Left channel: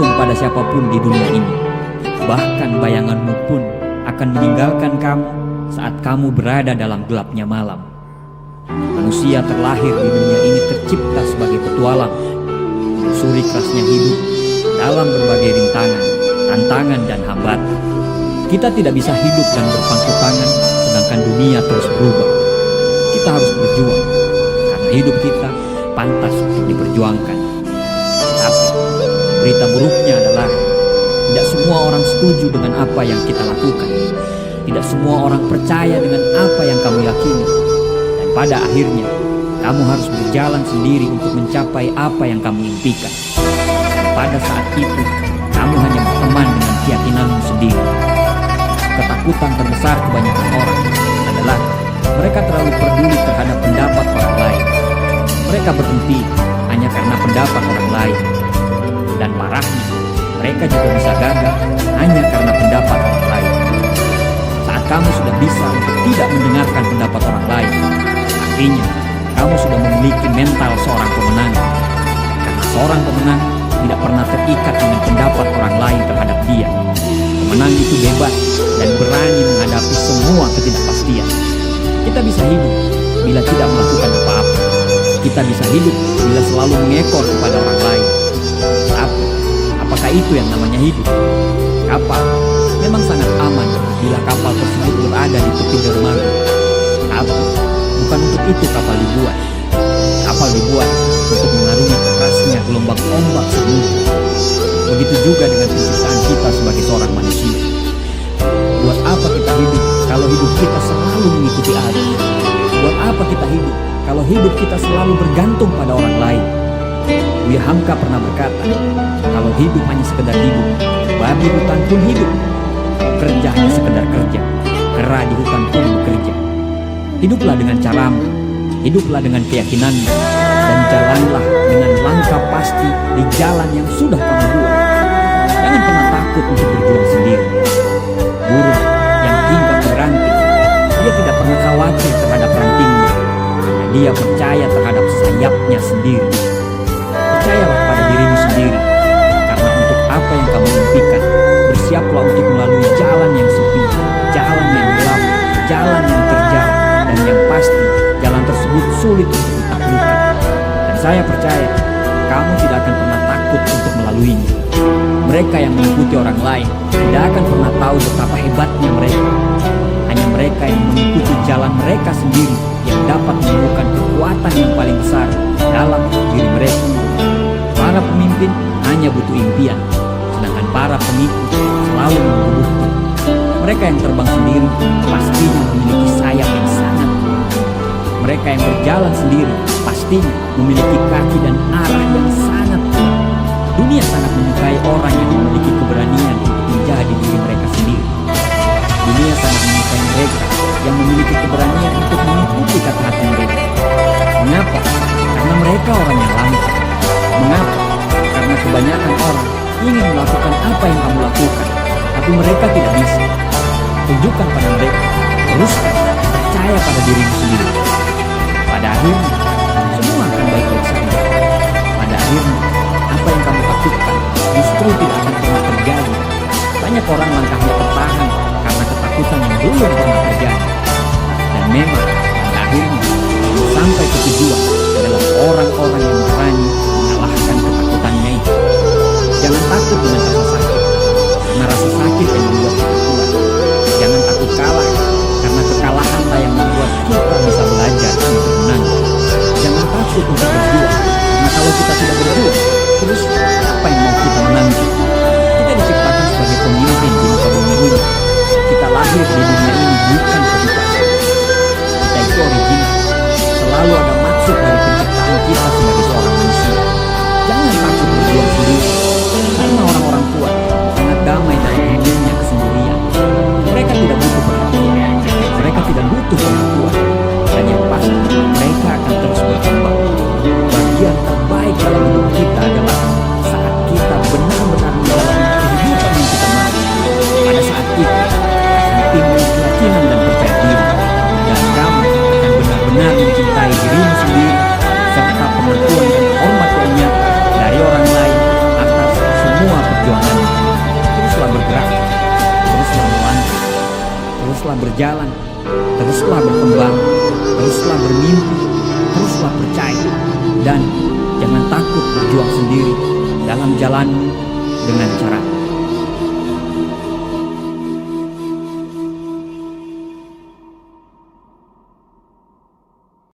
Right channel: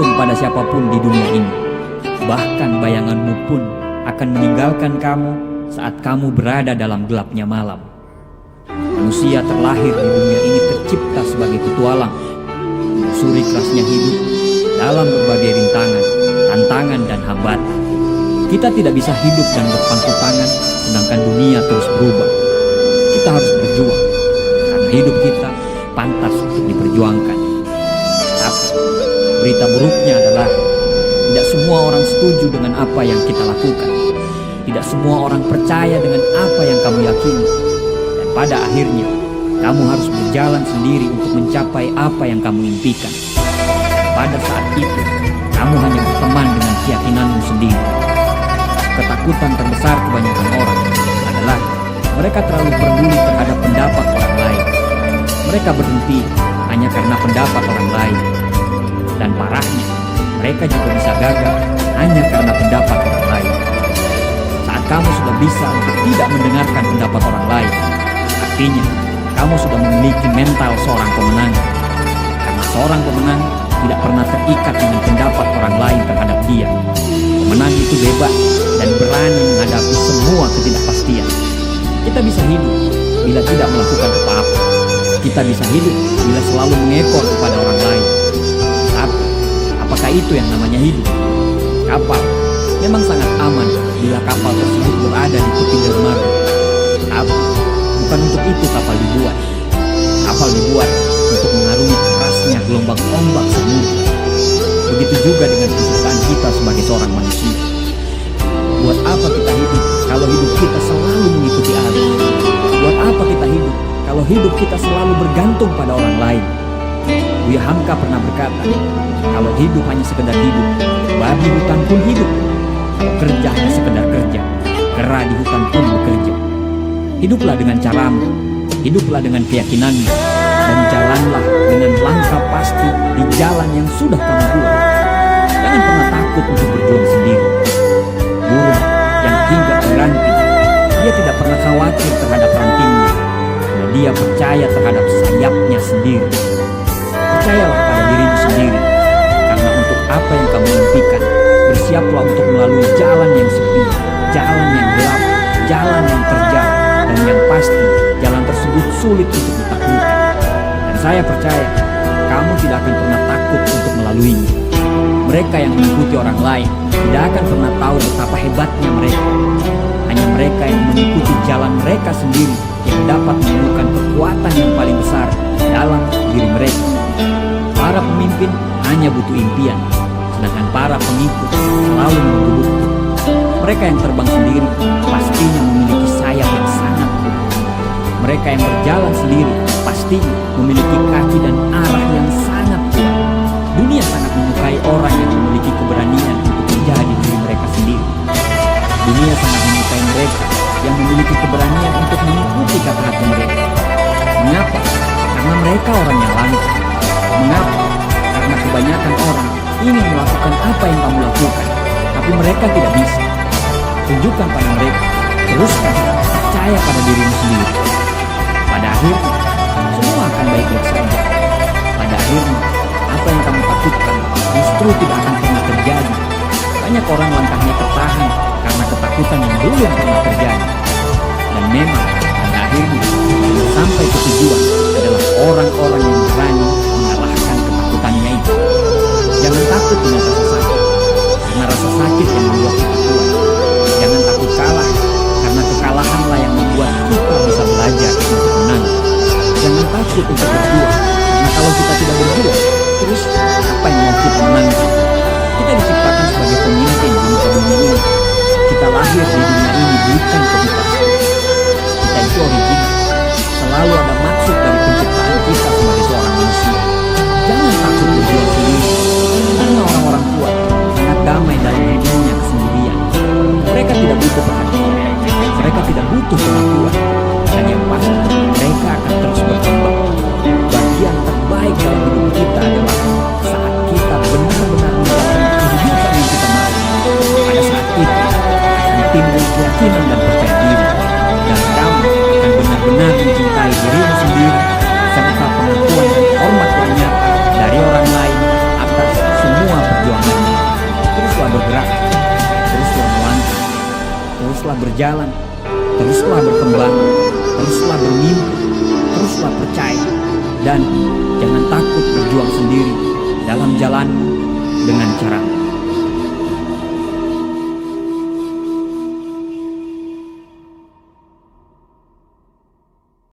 bergantung pada siapapun di dunia ini. Bahkan bayanganmu pun akan meninggalkan kamu saat kamu berada dalam gelapnya malam. Manusia terlahir di dunia ini tercipta sebagai petualang, menyusuri kerasnya hidup dalam berbagai rintangan, tantangan, dan hambatan. Kita tidak bisa hidup dan berpangku tangan sedangkan dunia terus berubah. Kita harus berjuang, karena hidup kita pantas untuk diperjuangkan. Tapi berita buruknya adalah tidak semua orang setuju dengan apa yang kita lakukan. Tidak semua orang percaya dengan apa yang kamu yakini. Dan pada akhirnya, kamu harus berjalan sendiri untuk mencapai apa yang kamu impikan. Dan pada saat itu, kamu hanya berteman dengan keyakinanmu sendiri. Ketakutan terbesar kebanyakan orang adalah mereka terlalu peduli terhadap pendapat orang lain. Mereka berhenti hanya karena pendapat orang lain. Dan parahnya, mereka juga bisa gagal hanya karena pendapat orang lain. Saat kamu sudah bisa untuk tidak mendengarkan pendapat orang lain, artinya kamu sudah memiliki mental seorang pemenang. Karena seorang pemenang tidak pernah terikat dengan pendapat orang lain terhadap dia. Pemenang itu bebas dan berani menghadapi semua ketidakpastian. Kita bisa hidup bila tidak melakukan apa-apa. Kita bisa hidup bila selalu mengekor kepada orang lain. Tapi, apakah itu yang namanya hidup? Kapal memang sangat aman bila kapal tersebut berada di tepi dermaga. Tapi, bukan untuk itu kapal dibuat. Kapal dibuat untuk mengarungi kerasnya gelombang ombak samudra. Begitu juga dengan penciptaan kita sebagai seorang manusia. Buat apa kita hidup kalau hidup kita selalu mengikuti arus? Buat apa kita hidup kalau hidup kita selalu bergantung pada orang lain? Buya Hamka pernah berkata, kalau hidup hanya sekedar hidup, babi hutan pun hidup. Kalau kerja hanya sekedar kerja, kera di hutan pun bekerja. Hiduplah dengan caramu, hiduplah dengan keyakinanmu, dan jalanlah dengan langkah pasti di jalan yang sudah kamu buat. Jangan pernah takut untuk berjuang sendiri. Burung yang hinggap di ranting, dia tidak pernah khawatir terhadap rantingnya, karena dia percaya terhadap sayapnya sendiri. Percayalah pada dirimu sendiri, karena untuk apa yang kamu impikan, bersiaplah untuk melalui jalan yang sepi, jalan yang gelap, jalan yang terjal, dan yang pasti jalan tersebut sulit untuk ditaklukkan. Dan saya percaya, kamu tidak akan pernah takut untuk melaluinya. Mereka yang mengikuti orang lain tidak akan pernah tahu betapa hebatnya mereka. Hanya mereka yang mengikuti jalan mereka sendiri yang dapat menemukan kekuatan yang paling besar dalam diri mereka. Para pemimpin hanya butuh impian, sedangkan para pengikut selalu menunggu bukti. Mereka yang terbang sendiri pastinya memiliki sayap yang sangat kuat. Mereka yang berjalan sendiri pastinya memiliki kaki dan arah yang sangat kuat. Dunia sangat menyukai orang yang memiliki keberanian untuk menjadi diri mereka sendiri. Dunia sangat menyukai mereka yang memiliki keberanian untuk mengikuti kata hati mereka. Mengapa? Karena mereka orang yang langka. Mengapa? Karena kebanyakan orang ingin melakukan apa yang kamu lakukan, tapi mereka tidak bisa. Tunjukkan pada mereka, teruskan, percaya pada dirimu sendiri. Pada akhirnya, semua akan baik-baik saja. Pada akhirnya, apa yang kamu takutkan justru tidak akan pernah terjadi. Banyak orang langkahnya tertahan karena ketakutan yang belum pernah terjadi. Dan memang pada akhirnya yang sampai ke tujuan adalah orang-orang yang berani mengalahkan ketakutannya itu. Jangan takut dengan rasa sakit, karena rasa sakit yang membuat kita kuat. Jangan takut kalah, karena kekalahanlah yang membuat kita bisa belajar untuk menang. Jangan takut untuk berjuang, karena kalau kita tidak berjuang, terus apa yang mau kita menangi? Kita diciptakan sebagai pemimpin di muka bumi ini. Kita lahir di dunia ini bukan copy paste. Kita itu original. Selalu ada maksud dari penciptaan kita sebagai seorang manusia. Jangan takut berjuang sendiri, karena orang-orang kuat sangat damai dalam heningnya kesendirian. Mereka tidak butuh perhatian, mereka tidak butuh pengakuan, dan yang pasti mereka akan terus berkembang. Bagian terbaik dalam hidup kita adalah saat kita benar-benar menjalani kehidupan yang kita mau. Pada saat itu akan timbul keyakinan dan percaya diri, dan kamu akan benar-benar mencintai dirimu sendiri, serta pengakuan dan hormat yang nyata dari orang lain atas semua perjuanganmu. Teruslah bergerak, teruslah melangkah, teruslah berjalan, teruslah berkembang, teruslah bermimpi, teruslah percaya. Dan jangan takut berjuang sendiri dalam jalanmu dengan caramu.